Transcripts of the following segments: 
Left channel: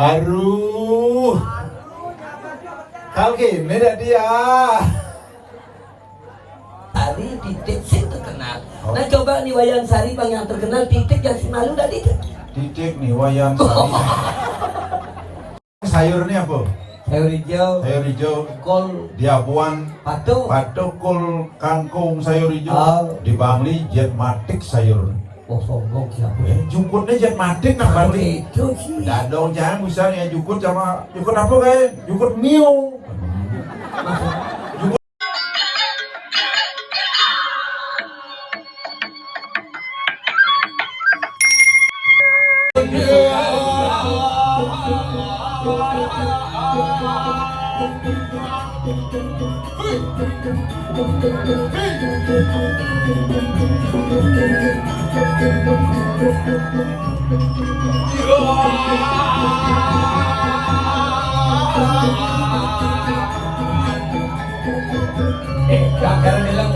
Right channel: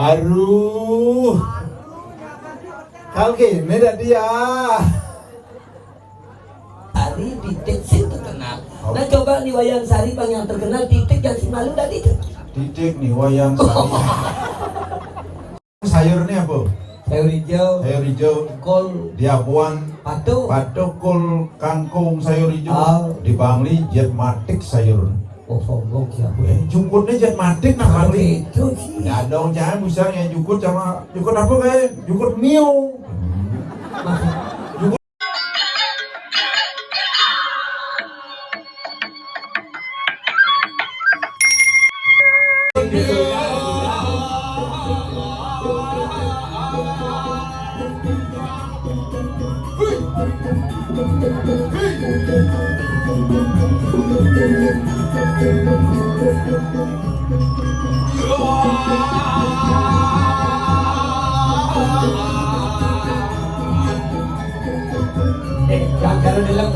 Aduh, kau gini dah dia. Sari Titik sih terkenal. Nah coba nih wayang Sari bang yang terkenal Titik yang Simalung dari itu. Titik nih wayang Sari. Sayur ini apa? Sayur hijau. Sayur hijau. Kol. Diapuan. Patuk. Patuk, kol, kangkung, sayur hijau. Oh. Di Bangli jet matik sayur. Oh sombong siapa? Jukutnya jet matik nah kali. Itu sih. Nggak dong, jangan bisa yang jukut sama jukut apa kayak jukut mio. Jangan bilang.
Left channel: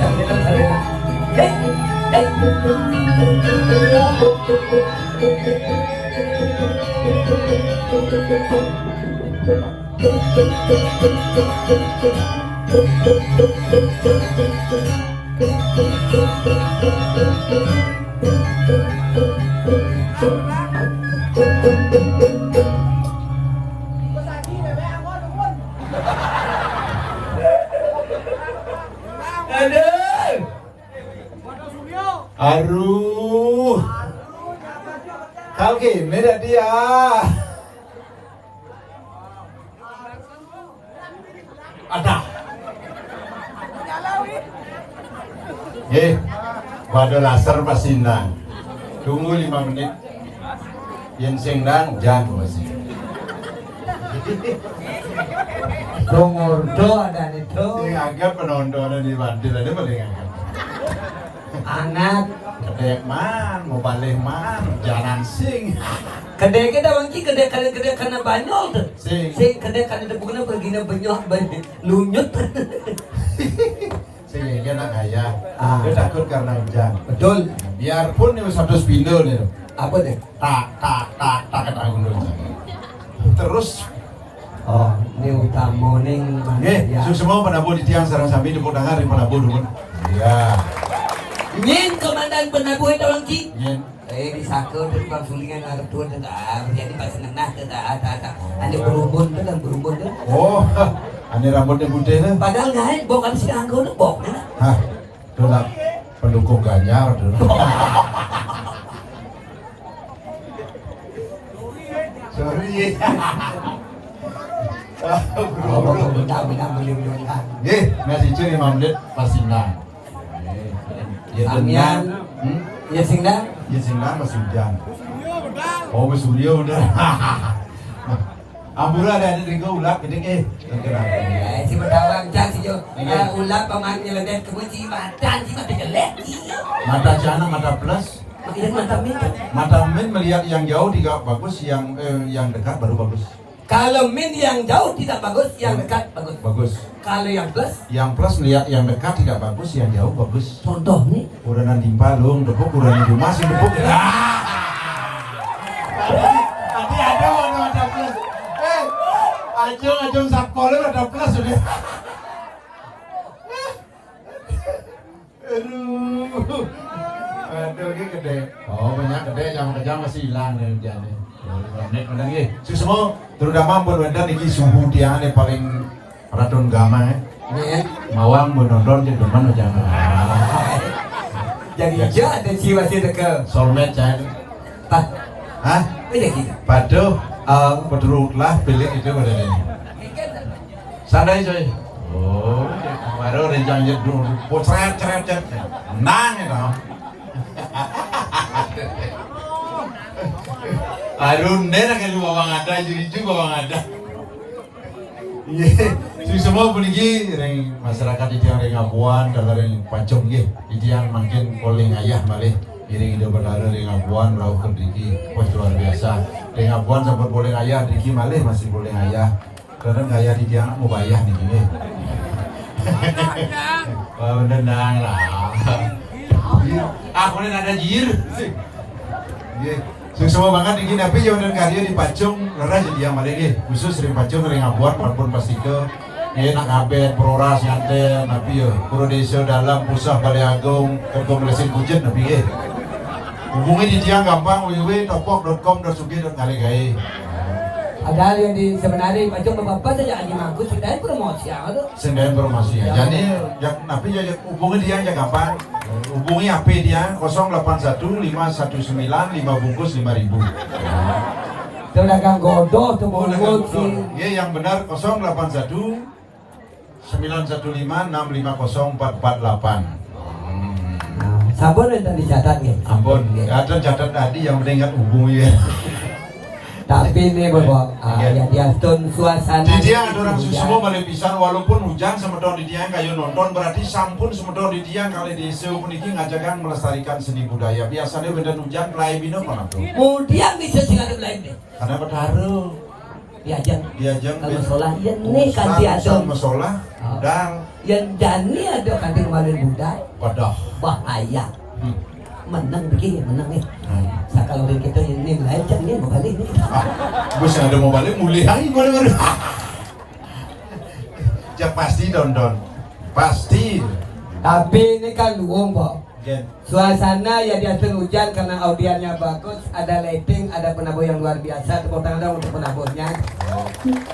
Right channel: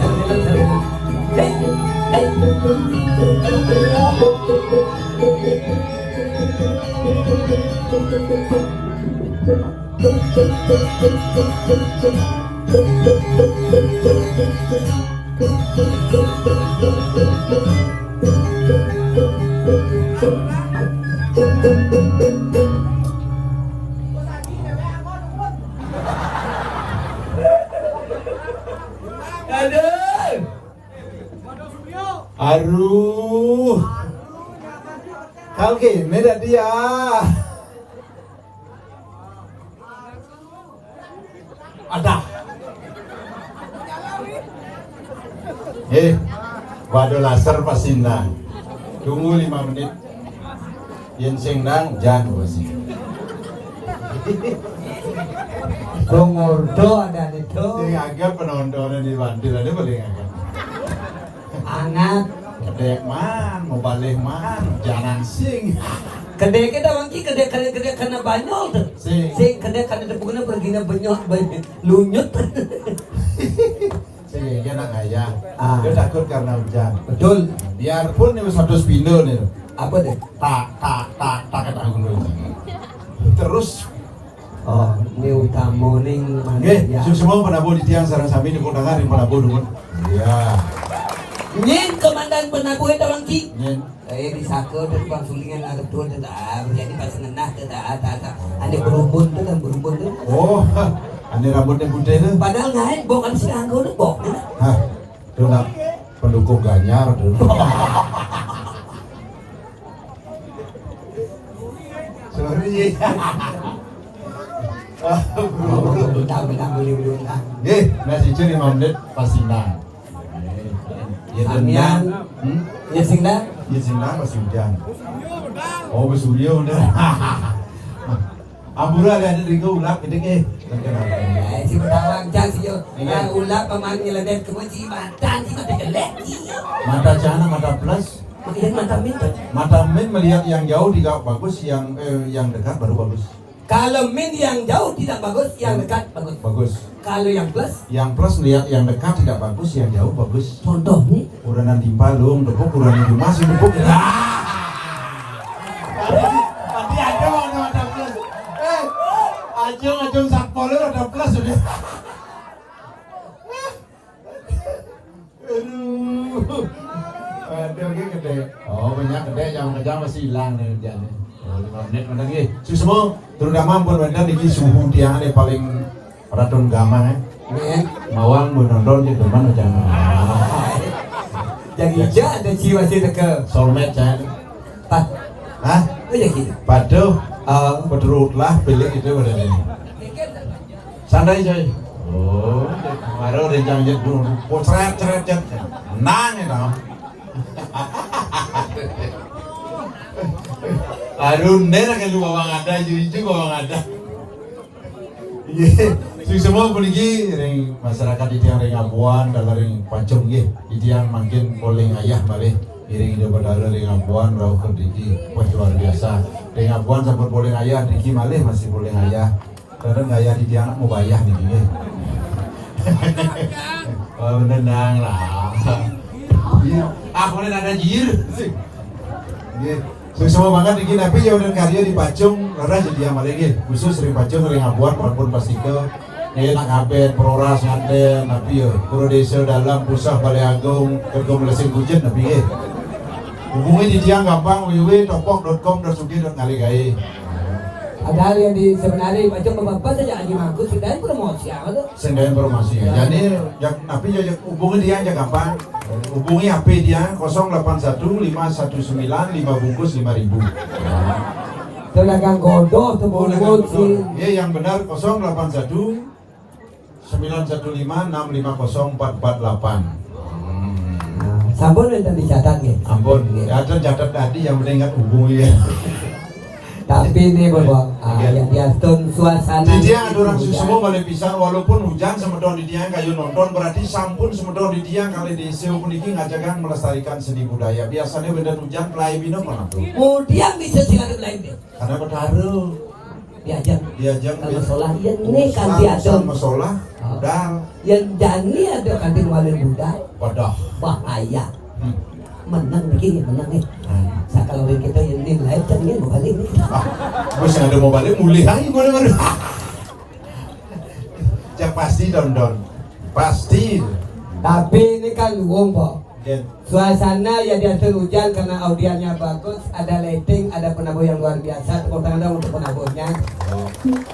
Aduh, kau gini dah dia. Ada. Pada laser pasindan. Tunggu 5 menit. Yang sengdang jangan masih. Tunggu ada itu. Yang agak penontonan di Bandil ini boleh agak. Anak. Kedek man, mau balik man, jangan sing. Kedai kita wangi kedai karena banyol tuh. Sing kedai karena bukan begini banyak lunyut. Saya dia nak gaya. Dia takut karena hujan. Betul. Biarpun itu satu spindle nih. Apa deh? Tak kan aku dulu. Terus. Oh, ini utama nih. Semua penabuh di tiang sarang sami di Pudangan di penabuh dulu. Iya. Nyen komandan penabuh itu wangi. Nyen. Bisa ke tukang sulingan ada tuh tidak. Jadi pas nenah tidak. Ada berumbun tuh dan berumbun tuh. Oh, ada rambutnya putih tuh. Padahal nggak bok kan sih anggo tuh bok. Hah, tuh nak pendukung Ganyar tuh. Sorry. Belum tahu belum. Masih curi 5 menit pasti nang. Amian, ya singna masih hujan. Oh, bersudio udah. Ambura ada di Rigo ulap gede si bertawang can si yo. Ya ulap paman nyeledek kemuci mata si mata jelek. Mata cana mata plus. Mata min melihat yang jauh tidak bagus, yang dekat baru bagus. Kalau min yang jauh tidak bagus, yang dekat bagus. Bagus. Kalau yang plus melihat yang dekat tidak bagus, yang jauh bagus. Contoh nih. Udah nanti palung, depok udah di rumah sih depok. Nanti ada warna ada plus. Acung sakolnya ada plus juga. Aduh, ini gede. Oh, banyak gede yang kerja masih hilang nih kerjanya. 5 menit mana lagi? Semua terutama buat mana nih suhu dia ada paling racun gama ya. Mawang menonton di mana jangan. Jadi aja ada jiwa sih dekat. Soulmate cari. Hah? Ini gitu. Padu, pedurut lah pilih itu udah ini. Sadai coy. Oh, baru rencana dulu. Potret. Nang itu. Aduh, nera kan juga bang ada, juga bang ada. Iya, semua pergi, masyarakat di tiang Rengabuan, dalam Pacung di tiang makin polling ayah balik. Iring Jawa Barat Rengabuan, Rauh Kediki, wah luar biasa. Rengabuan sempat polling ayah, Diki malih masih polling ayah. Kadang ayah di tiang mau bayar nih ini. Oh, tenang lah. Aku ini ada jir. Semua banget iki tapi yo dan karya di Pacung ngeras dia malegi khusus di Pacung ring abuan maupun pastike nak ngabet proras nganten tapi yo Pura Desa dalam pusat Balai Agung Kekomulasi Bujet nabi ge. Hubungi di dia gampang www.topok.com.sugi.ngalegai. Padahal yang di sebenarnya macam bapak saja Haji Mangkus sudah promosi apa tuh? Sendiri promosi ya. Jadi yang tapi hubungi dia aja gampang. Hubungi HP dia 081519 5 bungkus 5.000. Itu dagang godo tuh bungkus sih. Iya yang benar 081 915 650 448. Sampun itu dicatat gitu. Ampun, ada catat tadi yang mendengar hubungi ya. Tapi ini bapak, yang diatur suasana. Di dia ada orang susu boleh pisah walaupun hujan semedon di dia kayu nonton berarti sampun semedon di dia kali di seu puniki ngajakan melestarikan seni budaya. Biasanya benda hujan pelai minum mana tuh. Kemudian bisa singarut lain deh. Karena berharu Diajak kalau sholat ya ini kan diatur. Masalah, budal. Yang jani ada kadir wali budal. Wadah. Bahaya. Menang begini, menang nih. Saya kalau kita ini lain jani mau balik nih. Bos ada mau balik mulai lagi boleh. Ya pasti don. Pasti. Tapi ini kan wong kok. Gen. Suasana ya diatur hujan karena audiannya bagus, ada lighting, ada penabuh yang luar biasa, tepuk tangan untuk penabuhnya.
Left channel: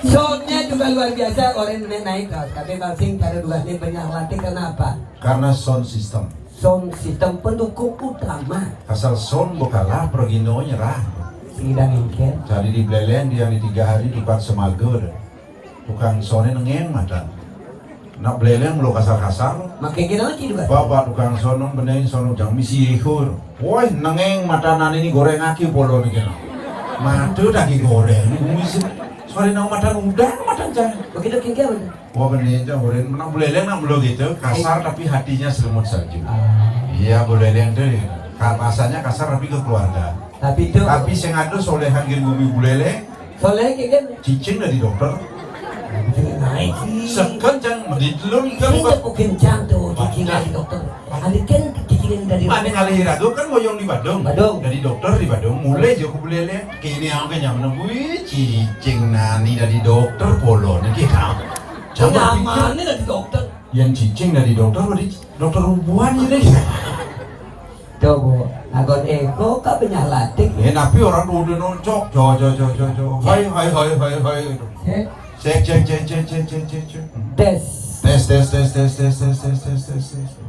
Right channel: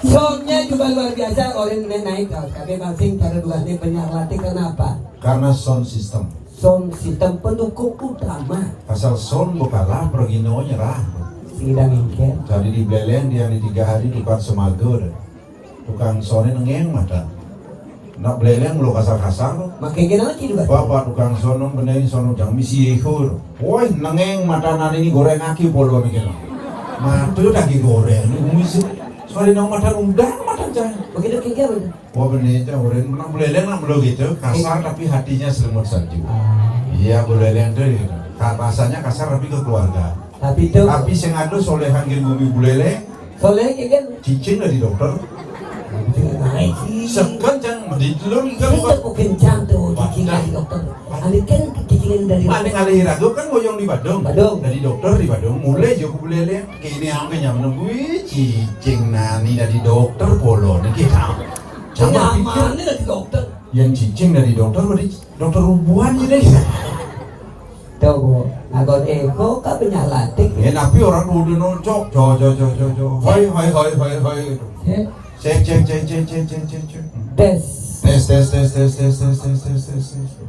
Soundnya juga luar biasa, orang naik tapi kalsing pada dua ini banyak latih kenapa? Karena sound system. Sound sistem pendukung utama. Asal sound bukalah pergino nyerah. Sidang ingkir. Jadi di Beleng dia di 3 hari depan Semager. Tukang soundnya ngeng matan. Nak Beleng lo kasar-kasar. Makin kita lagi juga. Bapak tukang sono benerin sono jam misi ihur. Woi nangeng mata nani ini goreng aki polo nih kena. Matu daging goreng ini musuh. Soalnya nang mata udang mata jangan. Begitu kingkir. Wah bener itu goreng. Nak Beleng nak lo gitu kasar tapi hatinya selimut salju. Iya Beleng tuh gitu. Rasanya kasar tapi ke keluarga. Tapi itu. Tapi sing ado solehan gen bumi Buleleng. Soalnya kingkir. Cicing dari dokter. Naik. Sekencang di dalam Kita kencang tuh cicing dari dokter. Alik kan cicing dari. Mana kali ragu kan ngoyong di Badung. Dari dokter di Badung mulai jauh Buleleng. Kini aku yang menembui cicing nani dari dokter polo nih kita. Jangan pikir ini dari dokter. yang cicing dari dokter berarti dokter hubungan ini. Tuh, agot ego kan punya latih. Ya tapi orang udah noncok. Jo. Hai. Cek. Tes.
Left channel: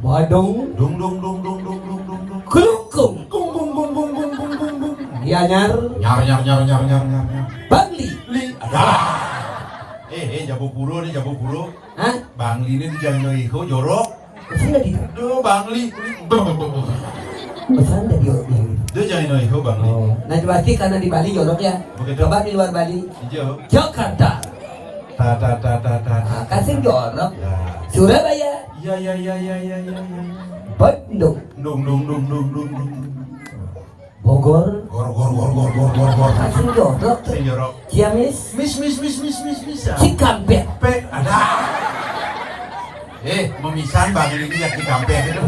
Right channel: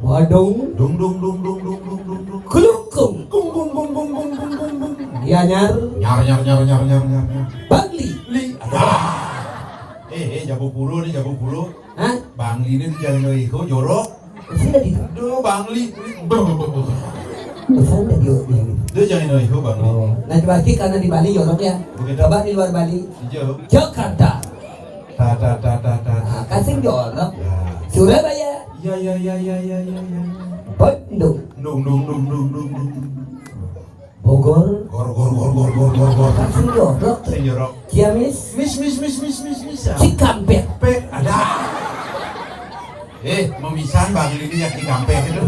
Wadung. Dung. Kulukung. Ya nyar. Nyar. Bangli. Jago bulu. Hah? Bangli ini jangan iko jorok. Sini di. Aduh, Bangli. Pesan dari Dia jangan iko Bangli. Nah, pasti karena di Bali jorok ya. Begitu. Coba di luar Bali. Hijau. Jakarta. Ta. Kasih jorok. Ya. Surabaya. Ya. Bandung. Dung. Bogor. Gor. Kasih jorok. Jorok. Ciamis. Miss. Cikampek. Pe, ada. Memisah Bangli ini yang di kampek itu.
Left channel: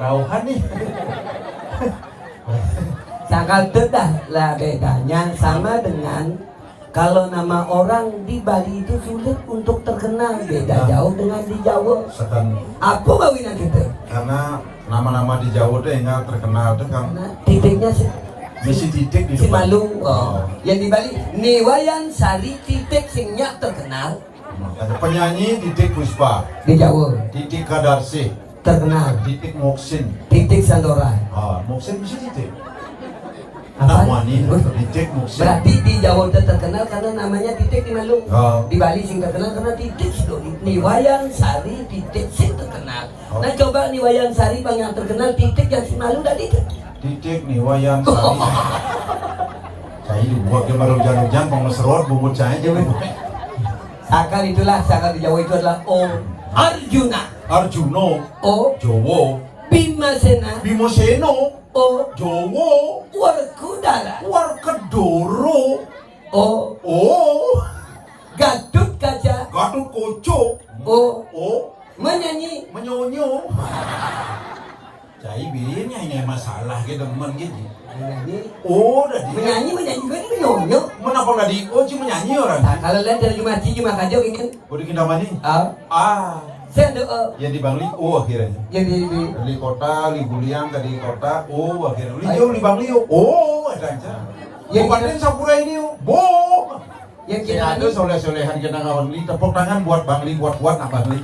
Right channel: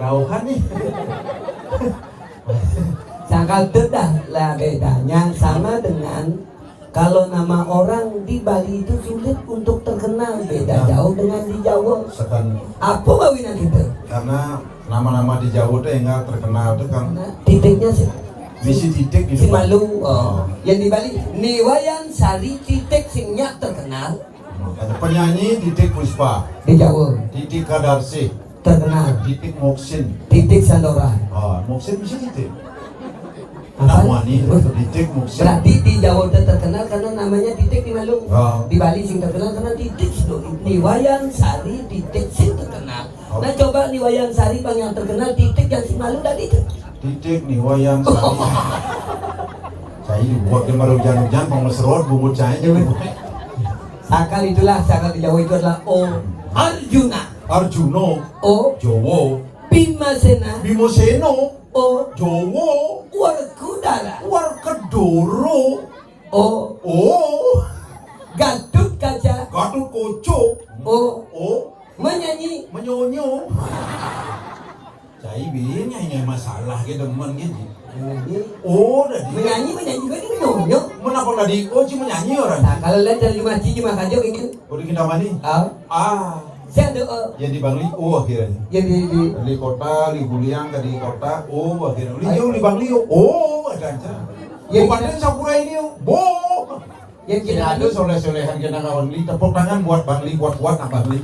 Rauhan nih. Sangkal tedah lah bedanya sama dengan kalau nama orang di Bali itu sulit untuk terkenal, beda jauh dengan di Jawa. Sekan Apa bawingan kita? karena nama-nama di Jawa tuh enggak terkenal tuh kan. Nah, titiknya sih Misi titik di si depan. Malung. Yang di Bali Niwayan Sari titik singnya terkenal Ada penyanyi Titik Puspa, di Jawa, Titik Kadarsi, terkenal Titik Moksin. titik Sandoran. Moksin bisa titik. Apa? Nama nih Titik Moksin. Berarti di Jawa itu terkenal karena namanya titik di Malung. Oh. Di Bali sing terkenal karena titik situ. Niwayan Sari titik sing terkenal. Nah coba Niwayan Sari bang yang terkenal titik yang si Malung tadi. Titik nih wayan Sari. Saya dibuat ke malu hujan pengeserot bumbu saya aja nih. Sakar itulah sakar di Jawa itu adalah O Arjuna, Arjuno, O Jowo, Bimasena, Bimoseno, O Jowo, Warkudara, Warkedoro, O Gatot Kaca, Gatot Koco, O O menyanyi Menyonyo. Cai bilangnya hanya masalah kita teman gitu. Menyanyi. Oh, dah dia. Menyanyi juga ini menyanyi. Mana kau dah di oh cuma nyanyi orang. Nah, kalau lihat dari Cuma Kajo ini. Oh di Kintamani. Saya ada Yang di Bangli, oh akhirnya. yang di Dari kota, di Buliang, dari kota, oh akhirnya. Li jauh di Bangli, oh ada aja. Yang panen Sakura ini, boh. yang Ya kita ada soleh-solehan kita ngawal beli tepuk tangan buat Bangli, kuat-kuat apa Bangli.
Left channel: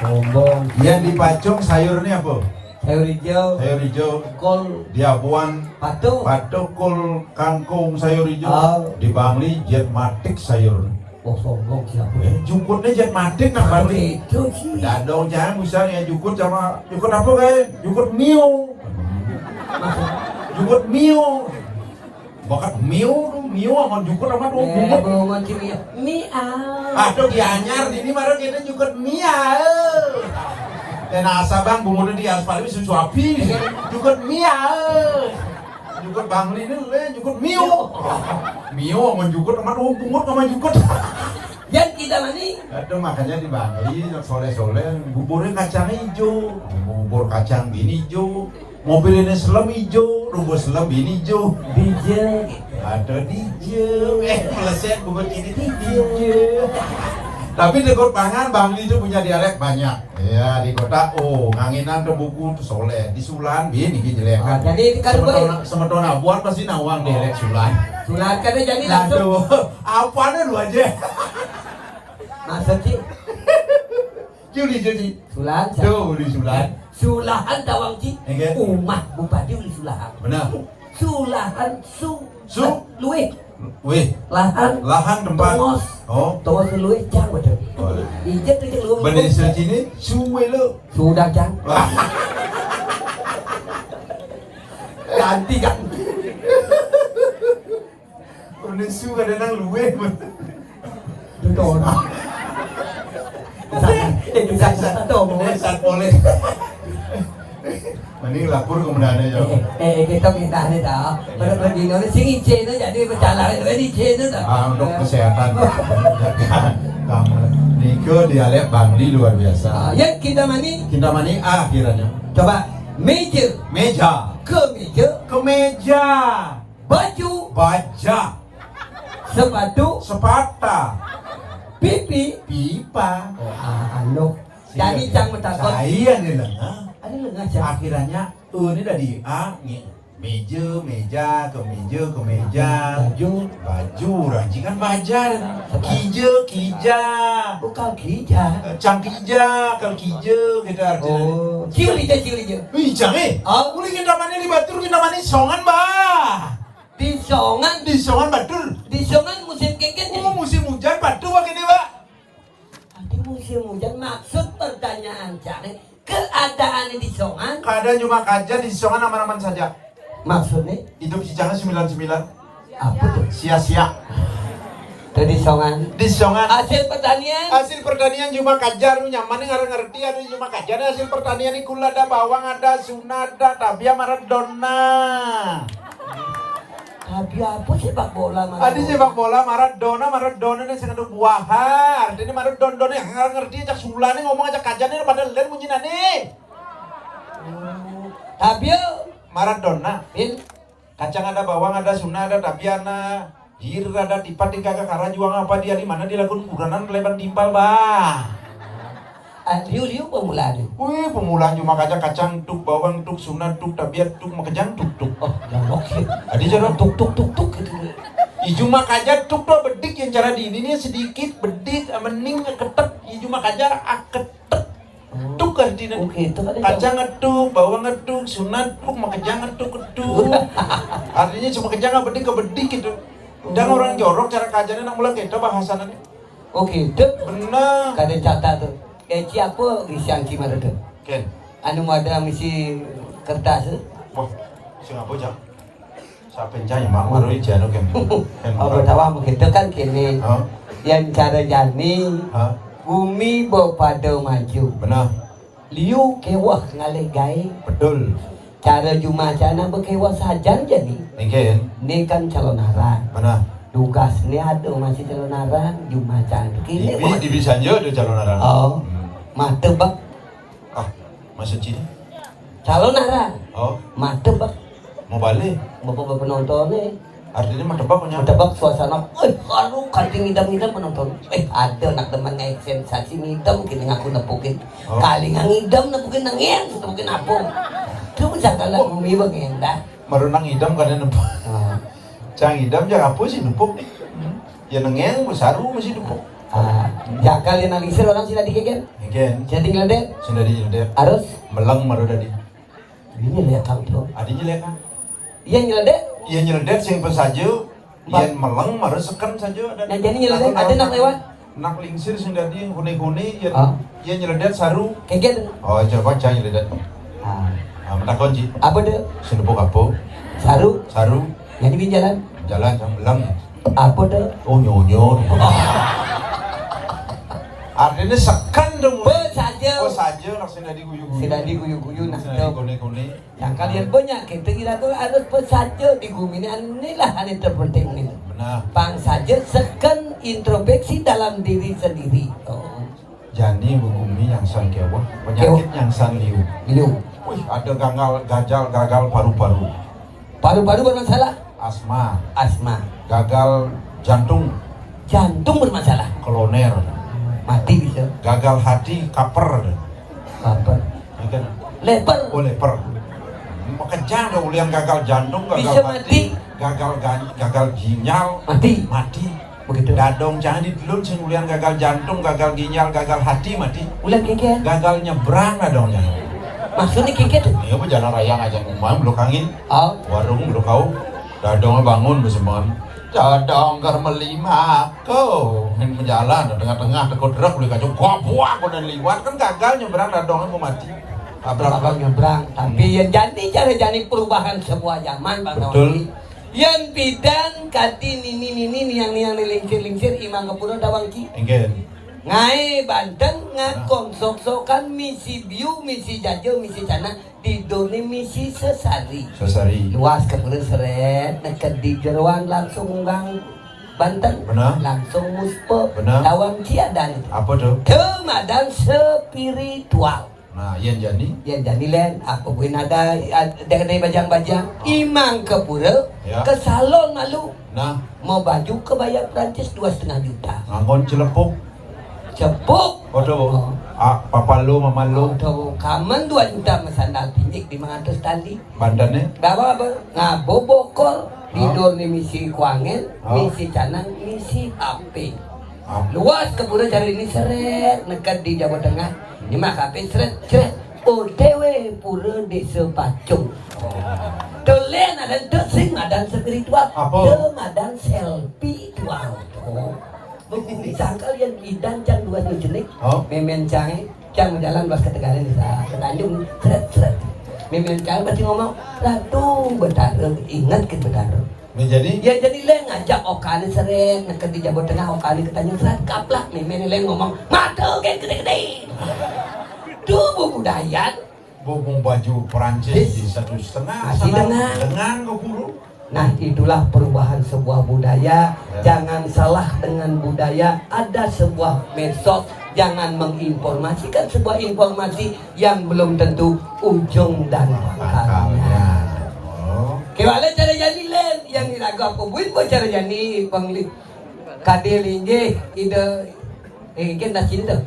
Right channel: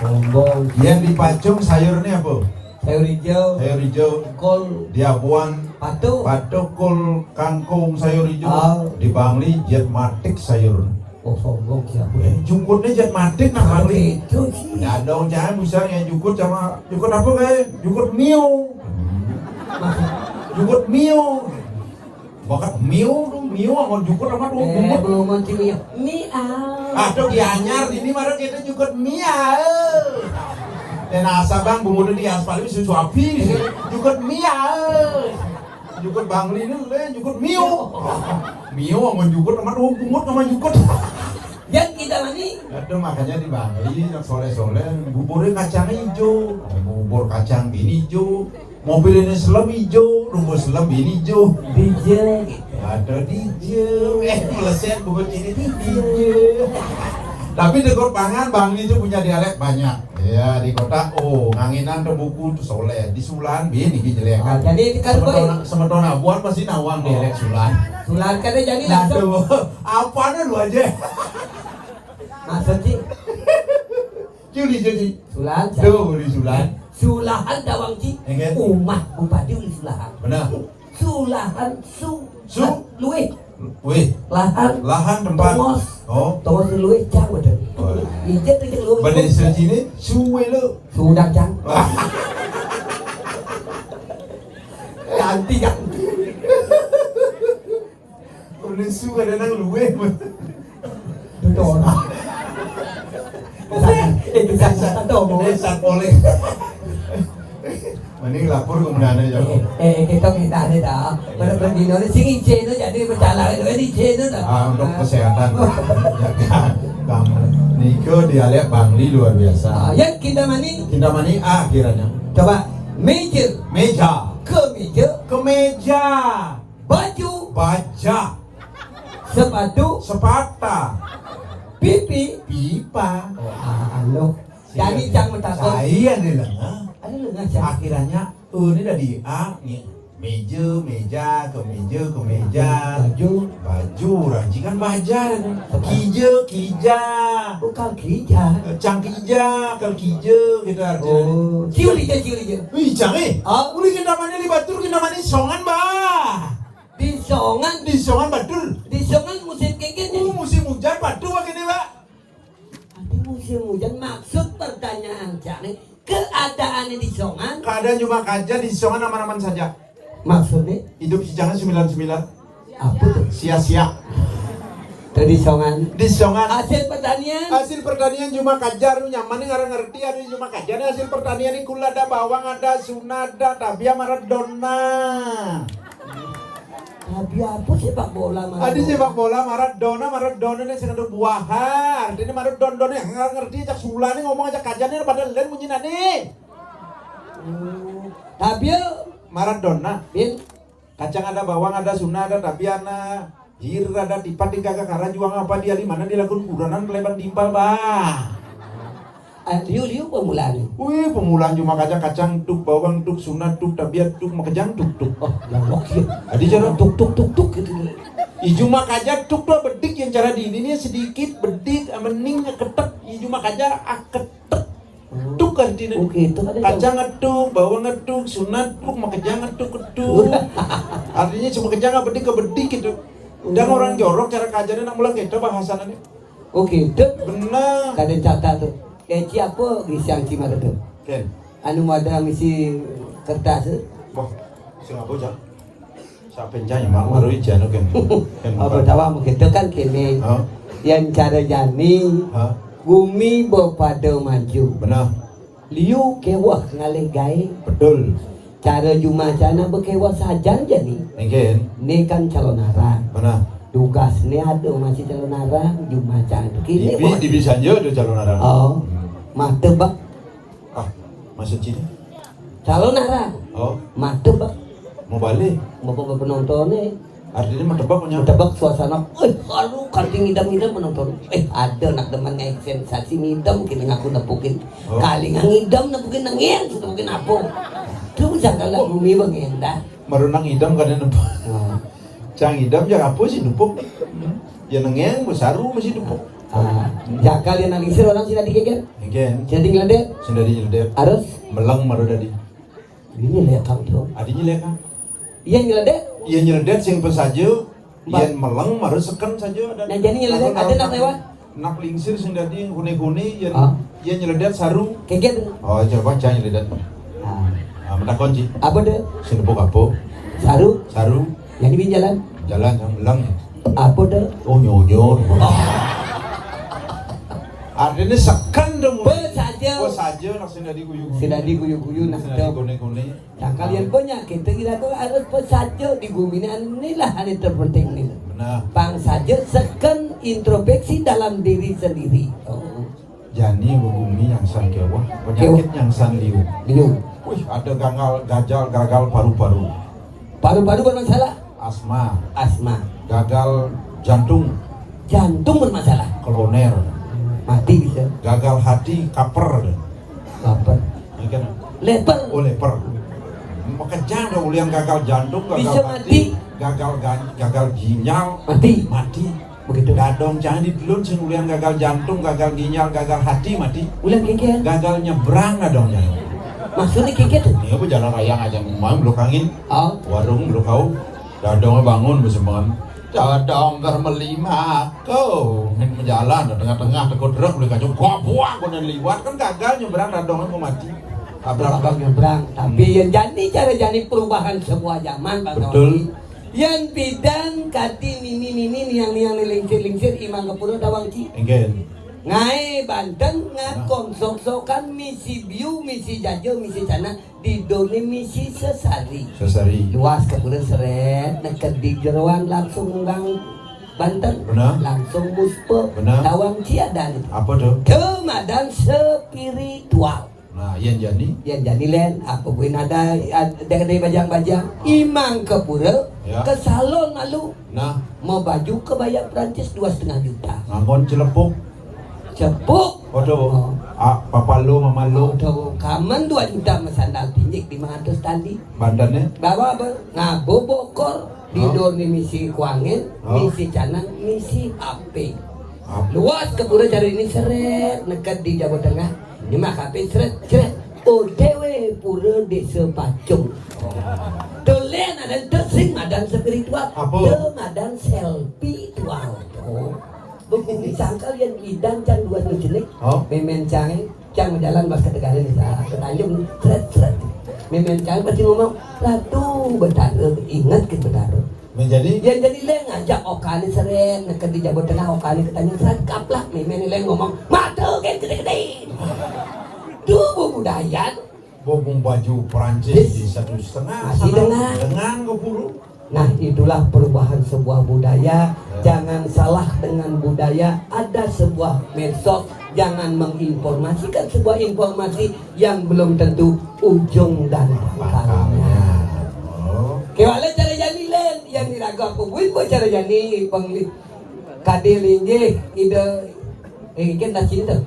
bombong. Yang di Pacung sayurnya apa? Sayur hijau, Sayur hijau, kol, diabuan, patung. patukul, kangkung, sayur hijau. Oh. Di Bangli jet matik sayur. Oh sombong siapa? Jukutnya jet matik nah Bangli. Itu sih. Ya dong jangan misalnya jukut sama jukut apa kayak jukut mio. Jukut mio. Bakat mio tuh mio sama jukut apa tuh jukut. Belum mau ya. Miau. Aduh dianyar ini mara kita jukut mia. Dan asabang bumbu di aspal ini susu api. Jukut mia. Jukut Bangli ini jukut mio. Mio sama jukut sama tuh bungut sama jukut. Yang kita mana? Aduh makanya di Bangli soleh-soleh buburnya kacang hijau, bubur kacang bini hijau, mobil ini selam hijau, rumput selam bini hijau, Bijak. ada hijau, meleset bubur ini hijau. Tapi di Kota Pangan Bangli itu punya dialek banyak. Ya di kota anginan terbuku tuh soleh, di Sulan bini jelek. Jadi kan Semetona buat pasti nawang dialek Sulan. Sulan kan jadi langsung. Aduh, apanya lu aja? Masa sih? Juli. Sulan. Tuh di Sulan. Sulahan tawang sih. Enggak. Umat bupati di Sulahan. Benar. Sulahan luwe. Wih, Lahan tempat. Tongos. Oh, Tongos luwe cang betul. boleh. Ijet itu luwe. Bahasa sini suwe lu. Sudah cang. Wah, Ganti kan. udah suwe ada nang luwe. Betul. Itu saya tahu. Dasar boleh. Ini lapor kemudian aja. Kita minta ada dah. Pada pendino ni sini cina jadi berjalan jadi cina dah. Untuk kesehatan. Kamu Niko dialek Bangli luar biasa. Yang kita mani. Kita mani akhirnya. Coba meja, Kemeja, baju, baja, sepatu, sepata, pipa. Anu. Jadi jangan takut. Saya nih lah. Ada lengah cang. Akhirnya ini dari A nih meja, kemeja, baju, rancingan baja, kija, Bukan kija. cangkija, kija, kita artinya. Oh, ciuli. Wih, canggih. Uli kita mana di Batur, kita mana di Songan, bah. Di Songan Batur. musim kiki. Oh, musim hujan Batur begini, Pak. Nanti musim hujan maksud pertanyaan cari keadaan di Songan. Keadaan cuma kaja di Songan aman-aman saja. Maksudnya Hidup si jangan 99. apa tuh? Sia-sia. Tadi Songan. Di Songan. Hasil pertanian. Hasil pertanian cuma kajar, lu nyaman nih ngerti ada cuma kajar. Hasil pertanian ini kula ada bawang, ada sunada, tabia Maradona. Tapi apa sepak bola Maradona? Ada sepak bola Maradona ini sangat buahan. Ini Maradona yang ngerti cak sulane ngomong aja kajar nih pada lain bunyi nani. Tapi Maradona, kacang ada bawang, ada sunada, ada tabiana. Hir ada tipat di kakak karena juang apa dia di mana dia lakukan kuranan lebar timpal bah. Liu pemulaan. Wih pemulaan cuma kacang tuk bawang tuk sunat tuk tabiat tuk makejang tuk. Oh, lembok sih. Ada cara Tuk gitu. cuma kajar tuk tuh bedik yang cara di ini sedikit bedik mening ketek. Cuma kajar ketek. Tuk artinya. Gitu kan. Kacang tuk bawang tuk sunat tuk makejang tuk. Artinya cuma kejang bedik ke bedik gitu. Dan orang jorok cara kajarnya nak mulai kita bahasannya. Oh gitu. Benar. Kada catat tuh. Kayak apa gisian si mana tuh? Ken. Anu ada misi kertas tuh. Wah, siapa jam? Siapa yang jaya? Mak baru aja lo Ken. Oh pertama begitu kan kini. Yang cara jani. Bumi berpada maju. Benar. Liu kewah ngalih gay. Betul. Cara jumacana berkewah saja jadi. Ken. Ini kan calon arah. Benar. Tugasnya ada masih calon arah jumacana. Di bisa aja ada calon arah. Oh, mata bak. Ah, masa Cina? calon arah Oh, madep mau balik. mau penontonnya Artinya mau tebak punya. tebak suasana aduh kadang ngidam-ngidam penonton ada nak temannya sensasi ngidam kini ngaku nepukin kali ngidam nepukin nangis nepukin aku terus jangan lah bumi mengendah Merenang idam kan nempuk. Cang idam ya apa sih nempuk? Ya nengeng besaru masih nempuk. ya kalian analisir orang sudah dikikir Again, jadi ngeledek sudah di harus melang maru tadi. ini lihat tahu tuh Adinya lihat kan? iya ngeledek Iya nyeledek sing saja. Iya melang maru sekan saja. yang jadi ngeledek ada nak lewat Nak lingsir sing tadi kuni-kuni ya. Oh. Iya nyeledek saru. kikir Oh, coba cang nyeledek. Tak kunci. apa deh Sinupuk apa? saru Saru. jadi di jalan Jalan jam belang. apa deh Oh nyonyo. Artinya sekan dong. saja Oh saja langsung dari guyu-guyu. sudah diguyu-guyu nah Sudah tuh kuni-kuni. yang kalian punya kita kira tuh harus pesaja di bumi inilah yang terpenting nih Nah, bang saja sekan introspeksi dalam diri sendiri jani bumi yang sang kewa, penyakit yang sang liu. dulu Wih, ada gagal paru-paru, paru-paru bermasalah asma, asma gagal jantung, jantung bermasalah koloner, mati bisa gagal hati, kaper, apa kan? leper Oh leper. Makanya ada ulian gagal jantung, gagal Bisa hati, gagal ginjal, mati mati. begitu Dadong jangan dipelun sing ulian gagal jantung, gagal ginjal, gagal hati, mati. ulang kikir Gagal nyebrang dadongnya. maksudnya kikir Ya bu jalan raya aja ngomong belok angin, oh warung belok kau, dadong bangun beseman. Dadong ker melima kau, min berjalan tengah-tengah tekut drak beli kacau buah kemudian liwat kan gagal nyebrang dadongnya mau mati. Tabrak abang nyebrang tapi yang jadi perubahan semua zaman bang Betul. Odi yang bidang kati nini yang lingsir imang kepulau dawangki Enggen. ngai Banten ngakong sok-sokan misi biu misi jajo misi sana di doni misi sesari Sesari. luas kepulau seret neket di jeruan langsung ngang Banten Benar. langsung muspo Benar. dawang ciadan Apa tuh? kemadan spiritual Nah, yang jadi ya jadi len apa pun ada dari bajang-bajang imang ke pura Ya. ke salon lalu nah mau baju ke bayar Prancis 2,5 juta ngangkon cilepuk. cepuk Waduh. Papa lu, mama lu, tuh kamen 2 juta mesandal pinjik 500 tali bandannya. bawa apa ngabu bokor di doni misi kuangen misi canang misi HP luas ke pura dari ini seret nekat di Jawa Tengah di Makape seret OTW pura desa Pacung Tulen ada desing ada spiritual Apa? ada selfie tuang bukan disangka yang bidan can 2 jenik memen cai can jalan bas ketegalan ke Tanjung seret memen cai pasti ngomong aduh betaru ingat ke betaru Ini jadi ya jadi len ngajak okali sering nak di Jawa Tengah okali ketanya seret kaplak memen len ngomong matu kan gede-gede tuh budaya bobong baju Perancis di 1,5 Masih dengan 20. nah itulah perubahan sebuah budaya jangan salah dengan budaya ada sebuah medsos jangan menginformasikan sebuah informasi yang belum tentu ujung dan pangkalnya kewala cara jani len yang dilagak pembuin kok cara jani pangli kadelinge ide ingin dah sini tuh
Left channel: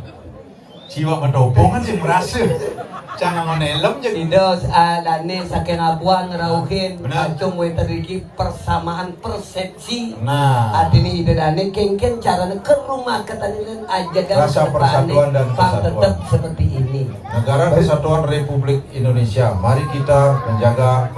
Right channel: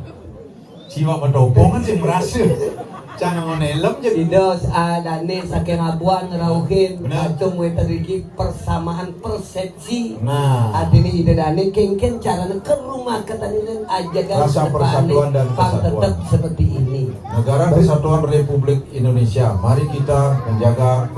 Jiwa pendobongan sih merasa jangan menelok jadi Idos adane saking abuan ngerauhin Benar. acung we teriki persamaan persepsi nah adini idane kengken carane ke rumah ketanilan aja Rasa persatuan dan kesatuan. tetap seperti ini Negara Kesatuan Republik Indonesia, mari kita menjaga